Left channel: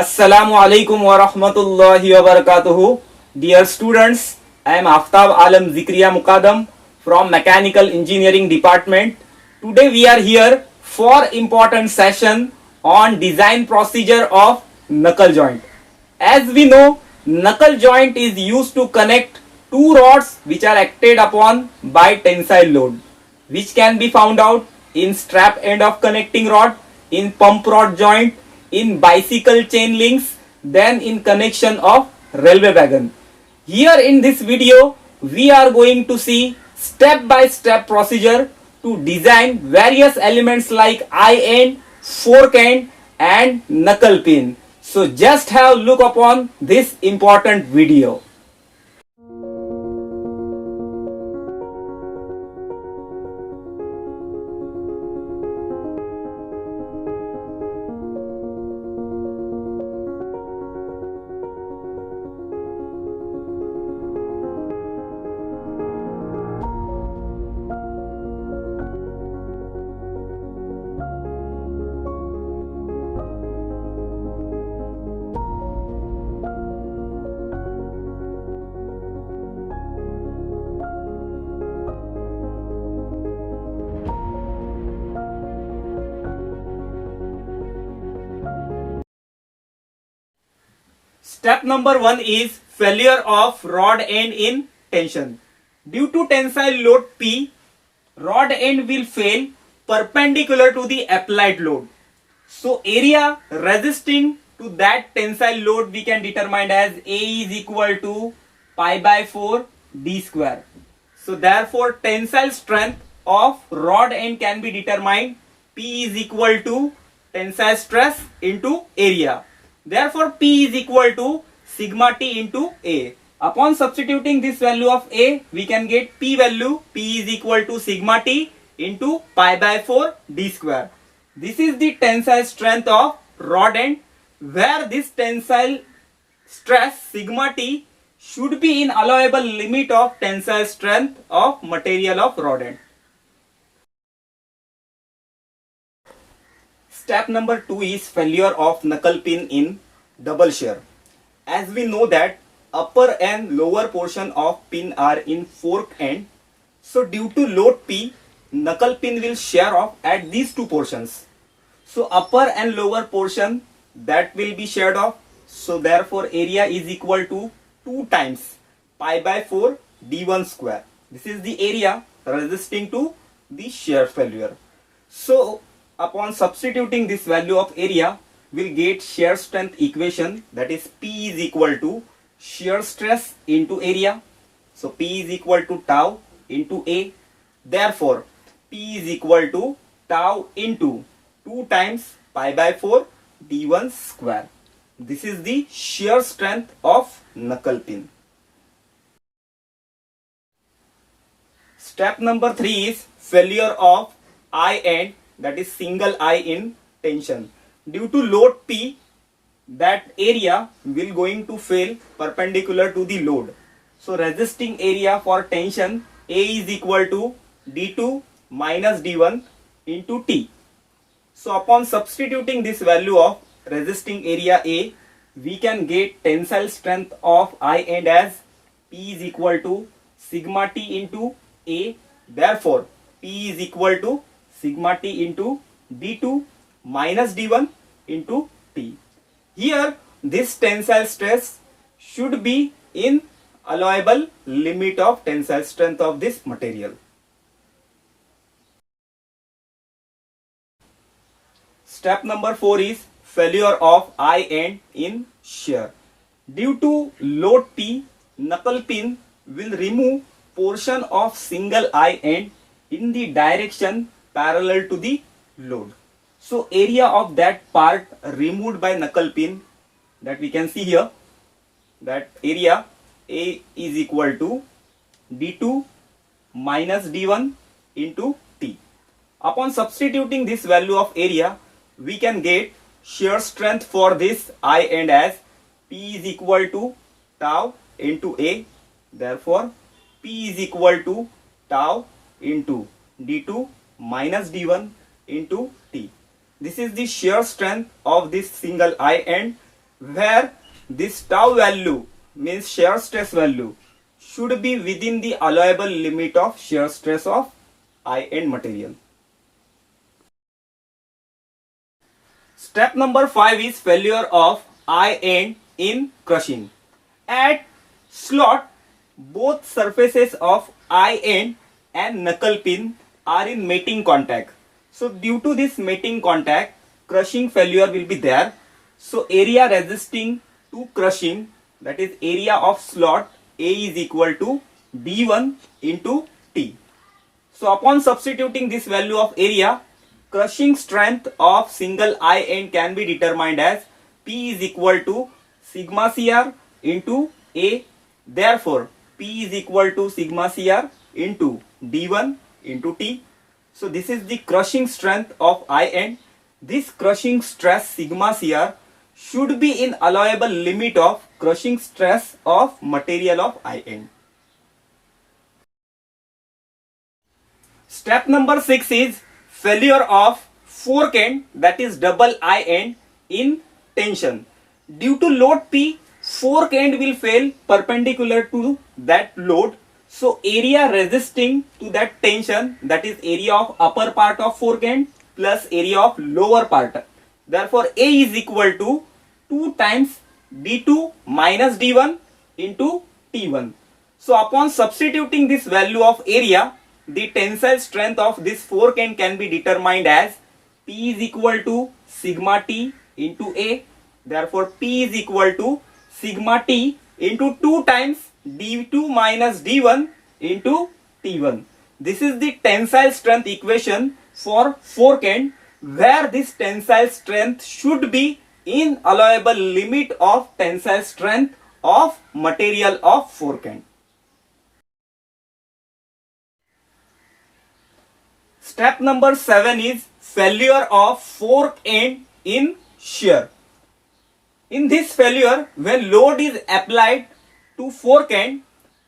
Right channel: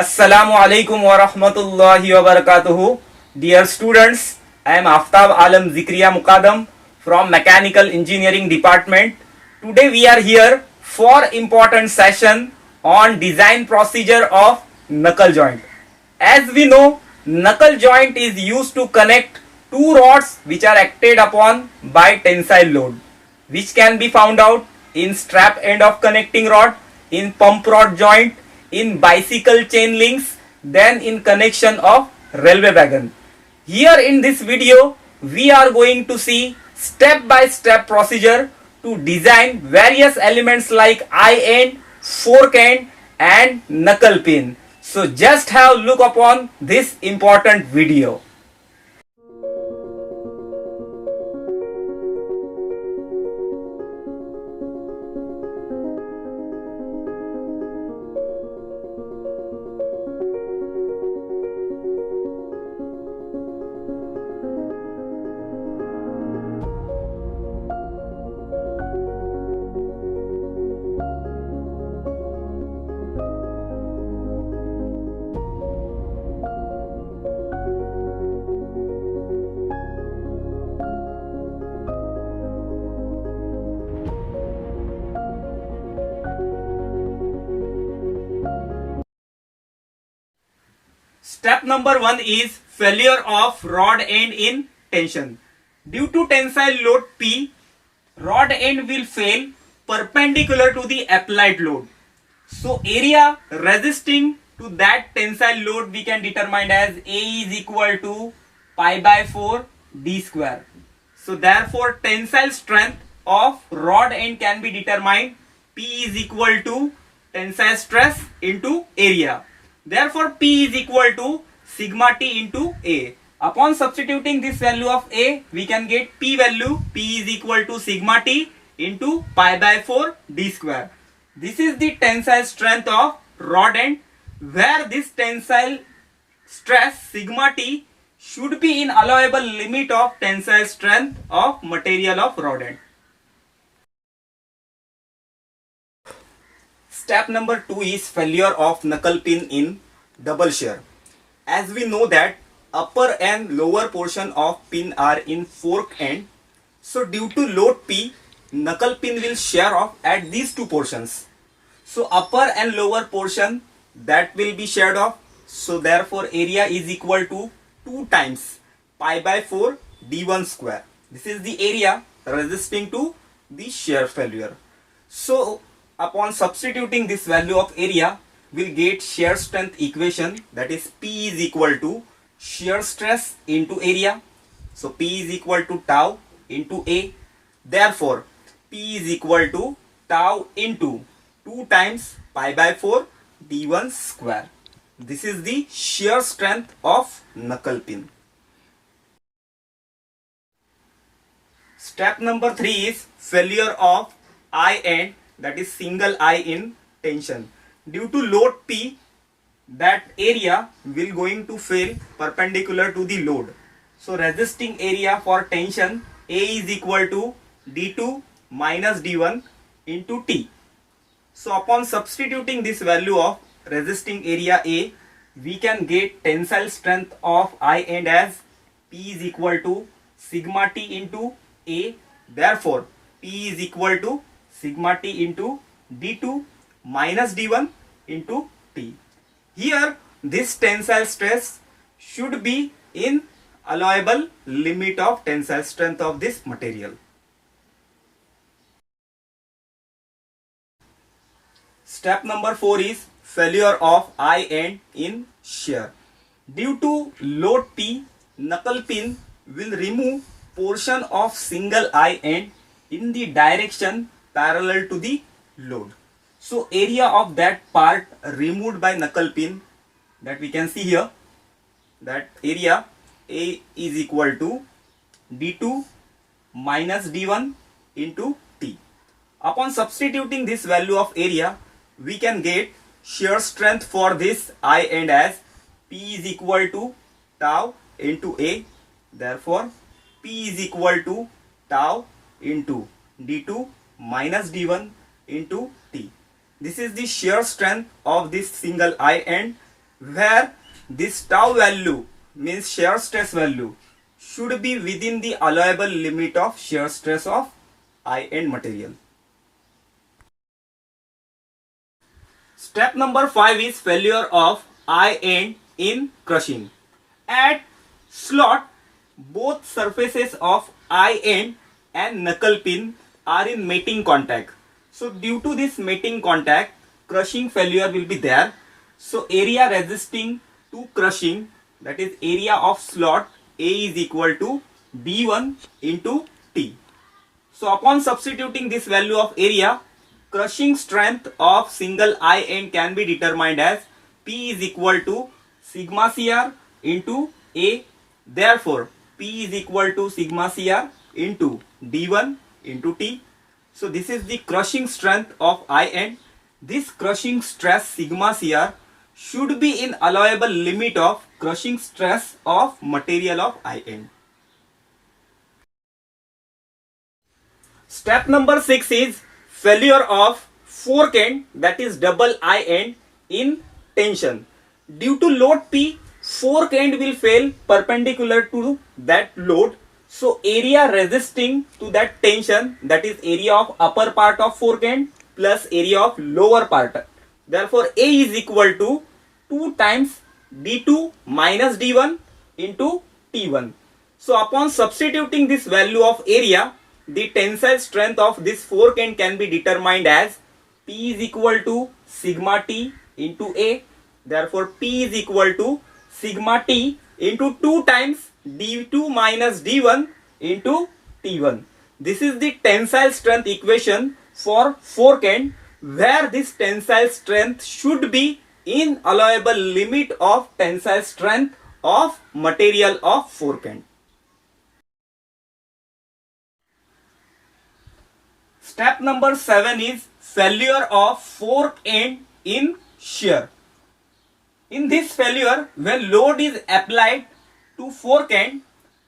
Assalamu alaikum wa rahmatullahi wa barakatuhu. Dear students, I am Aftab Alam Zikriya Muqaddam from Mechanical Engineering Department. Today we are here for important session on design procedure of knuckle joint. As we know, knuckle joint is used to connect two rods which are acted upon by tensile load, which can be found out in strap end of connecting rod, in pump rod joint, in bicycle chain links, then in connection of railway wagon. Here in this video, we are going to see step by step procedure to design various elements like eye end, fork end and knuckle pin. So just have a look upon this important video. Step number 1 is failure of rod end in tension. Due to tensile load P, rod end will fail perpendicular to the applied load. So area resisting to that tensile load we can determine as A is equal to pi by 4 d square. So therefore tensile strength of rod end can be determined P is equal to tensile stress into area. Therefore P is equal to sigma T into A. Upon substituting this value of A, we can get P value. P is equal to sigma T into pi by 4 d square. This is the tensile strength of rod end, where this tensile stress sigma T should be in allowable limit of tensile strength of material of rod end. Step number 2 is failure of knuckle pin in double shear. As we know that upper and lower portion of pin are in fork end, so due to load P, knuckle pin will shear off at these two portions. So upper and lower portion that will be sheared off. So therefore area is equal to 2 times pi by 4 d1 square. This is the area resisting to the shear failure. So upon substituting this value of area, we'll get shear strength equation, that is P is equal to shear stress into area. So P is equal to tau into A. Therefore P is equal to tau into 2 times pi by 4 d1 square. This is the shear strength of knuckle pin. Step number 3 is failure of eye end, that is single eye in tension. Due to load P, that area will going to fail perpendicular to the load. So resisting area for tension A is equal to d2 minus d1 into T. So upon substituting this value of resisting area A, we can get tensile strength of eye end as P is equal to sigma T into A. Therefore P is equal to sigma T into d2 minus d1 into T. Here this tensile stress should be in allowable limit of tensile strength of this material. Step number 4 is failure of eye end in shear. Due to load P, knuckle pin will remove portion of single eye end in the direction parallel to the load. So area of that part removed by knuckle pin, that we can see here, that area A is equal to d2 minus d1 into T. Upon substituting this value of area, we can get shear strength for this eye end as P is equal to tau into A. Therefore P is equal to tau into d2 minus d1 into T. This is the shear strength of this single eye end, where this tau value means shear stress value should be within the allowable limit of shear stress of I end material. Step number 5 is failure of I end in crushing. At slot, both surfaces of I end and knuckle pin are in mating contact. So due to this mating contact, crushing failure will be there. So area resisting to crushing, that is area of slot A is equal to D1 into T. So upon substituting this value of area, crushing strength of single I end can be determined as P is equal to sigma CR into A. Therefore, P is equal to sigma CR into D1 into T. So this is the crushing strength of I end. This crushing stress sigma CR should be in allowable limit of crushing stress of material of I end. Step number 6 is failure of fork end, that is double I end in tension. Due to load P, fork end will fail perpendicular to that load. So area resisting to that tension, that is area of upper part of fork end plus area of lower part. Therefore A is equal to 2 times D2 minus D1 into T1. So upon substituting this value of area, the tensile strength of this fork end can be determined as P is equal to sigma T into A. Therefore P is equal to sigma T into 2 times D2 minus D1 into T1. This is the tensile strength equation for fork end, where this tensile strength should be in allowable limit of tensile strength of material of fork end. Step number 7 is failure of fork end in shear. In this failure, when load is applied to fork end,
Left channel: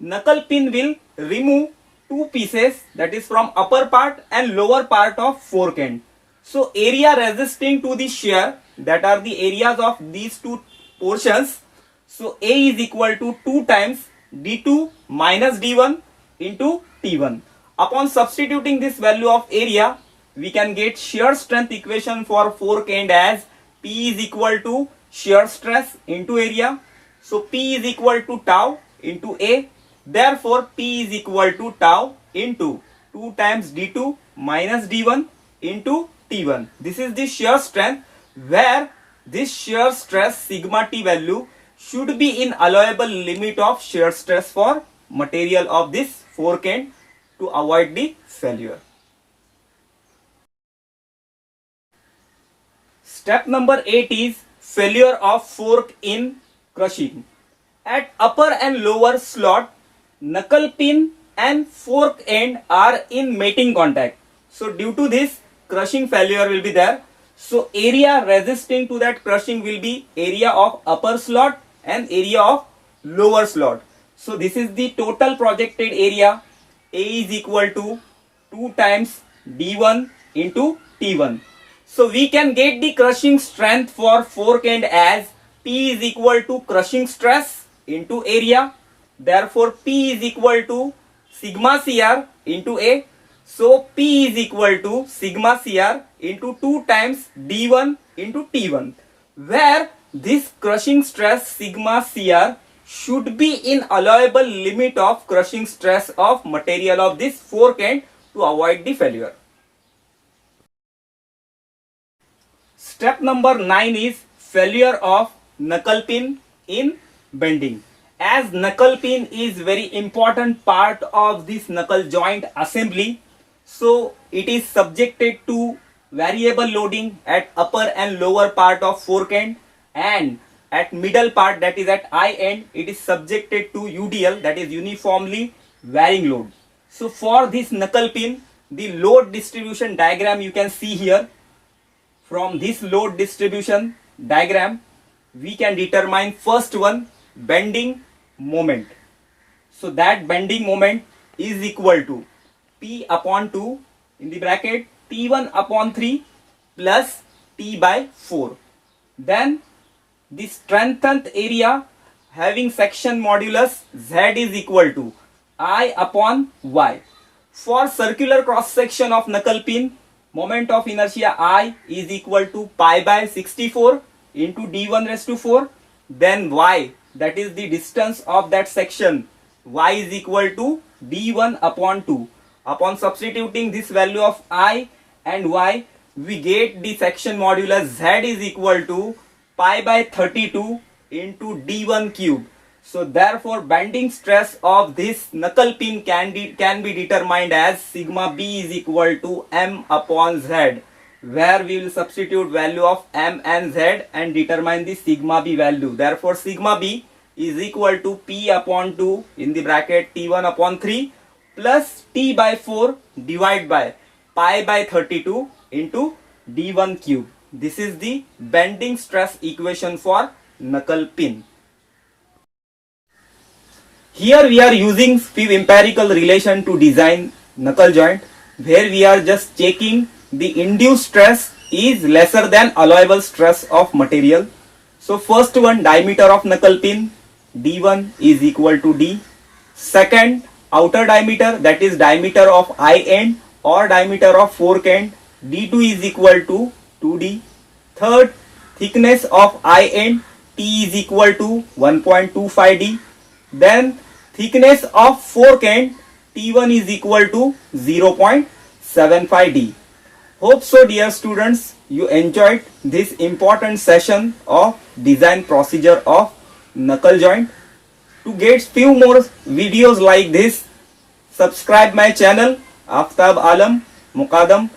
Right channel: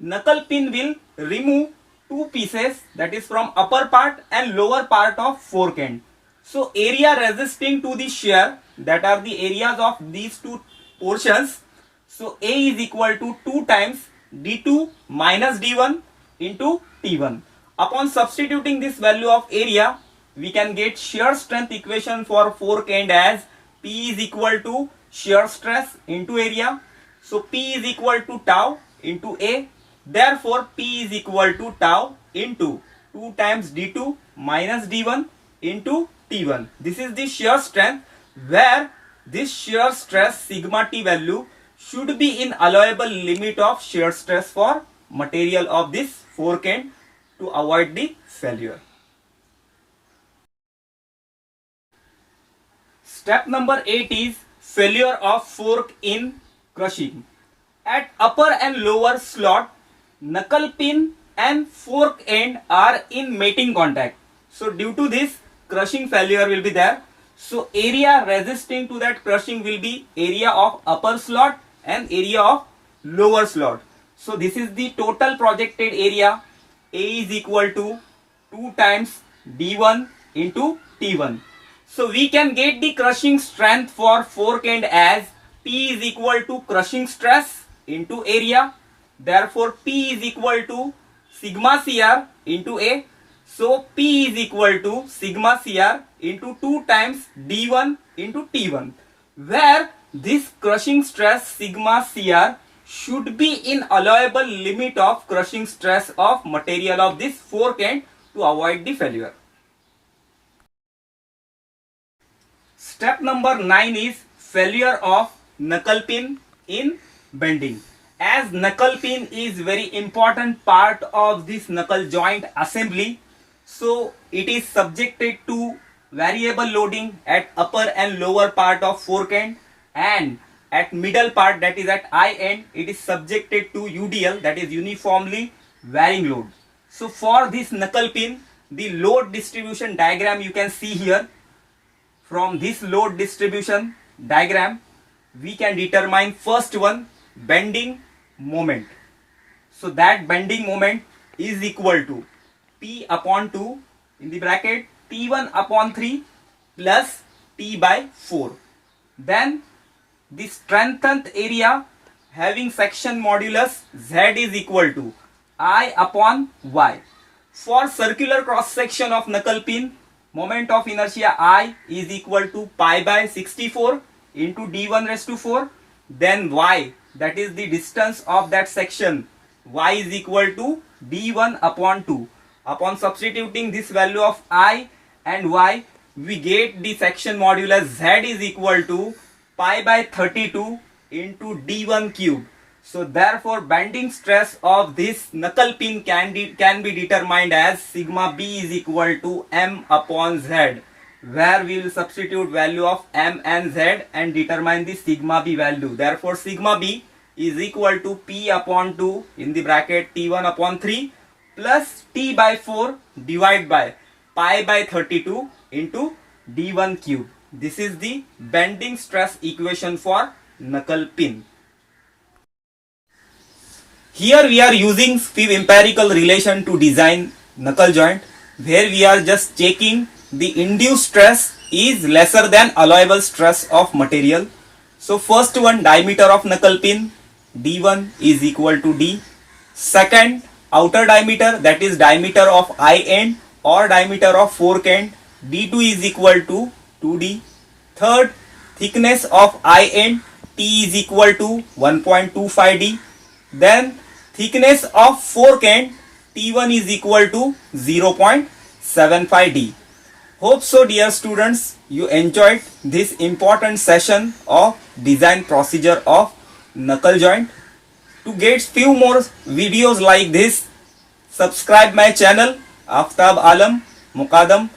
knuckle pin will remove two pieces, that is from upper part and lower part of fork end. So area resisting to the shear, that are the areas of these two portions. So A is equal to 2 times D2 minus D1 into T1. Upon substituting this value of area, we can get shear strength equation for fork end as P is equal to shear stress into area. So P is equal to tau into A. Therefore P is equal to tau into 2 times D2 minus D1 into T1. This is the shear strength, where this shear stress sigma T value should be in allowable limit of shear stress for material of this fork end to avoid the failure. Step number 8 is failure of fork in crushing. At upper and lower slot, knuckle pin and fork end are in mating contact. So due to this, crushing failure will be there. So area resisting to that crushing will be area of upper slot and area of lower slot. So this is the total projected area. A is equal to 2 times D1 into T1. So we can get the crushing strength for fork end as P is equal to crushing stress into area. Therefore P is equal to sigma CR into A. So P is equal to sigma CR into 2 times D1 into T1, where this crushing stress sigma CR should be in allowable limit of crushing stress of material of this fork end to avoid the failure. Step number 9 is failure of knuckle pin in bending. As knuckle pin is very important part of this knuckle joint assembly, so it is subjected to variable loading at upper and lower part of fork end, and at middle part, that is at I end, it is subjected to UDL, that is uniformly varying load. So for this knuckle pin, the load distribution diagram you can see here. From this load distribution diagram, we can determine first one, bending moment. So that bending moment is equal to P upon 2 in the bracket T1 upon 3 plus T by 4. Then the strengthened area having section modulus Z is equal to I upon Y. For circular cross section of knuckle pin, moment of inertia I is equal to pi by 64 into d1 raised to 4. Then Y, that is the distance of that section, Y is equal to d1 upon 2. Upon substituting this value of I and Y, we get the section modulus Z is equal to pi by 32 into d1 cube. So therefore bending stress of this knuckle pin can be determined as sigma B is equal to M upon Z, where we will substitute value of M and Z and determine the sigma B value. Therefore sigma B is equal to P upon 2 in the bracket T1 upon 3 plus T by 4 divided by pi by 32 into d1 cube. This is the bending stress equation for knuckle pin. Here we are using few empirical relation to design knuckle joint, where we are just checking the induced stress is lesser than allowable stress of material. So first one, diameter of knuckle pin d1 is equal to d. Second, outer diameter, that is diameter of eye end or diameter of fork end, d2 is equal to 2d. Third, thickness of eye end t is equal to 1.25d. Then thickness of fork end T1 is equal to 0.75d. Hope so, dear students, you enjoyed this important session of design procedure of knuckle joint. To get few more videos like this, subscribe my channel Aftab Alam Muqaddam.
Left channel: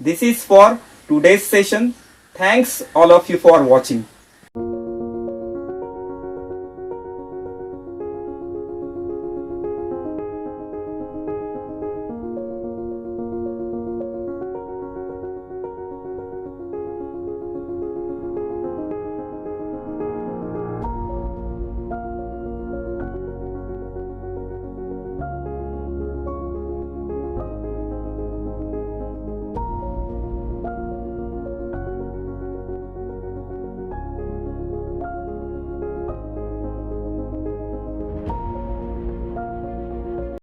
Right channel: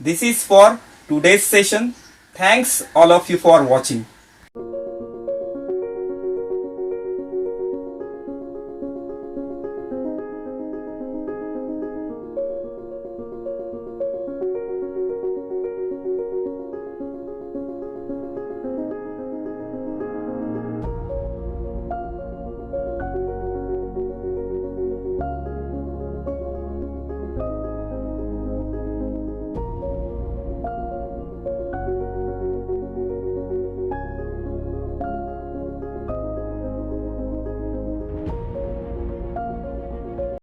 This is for today's session. Thanks all of you for watching.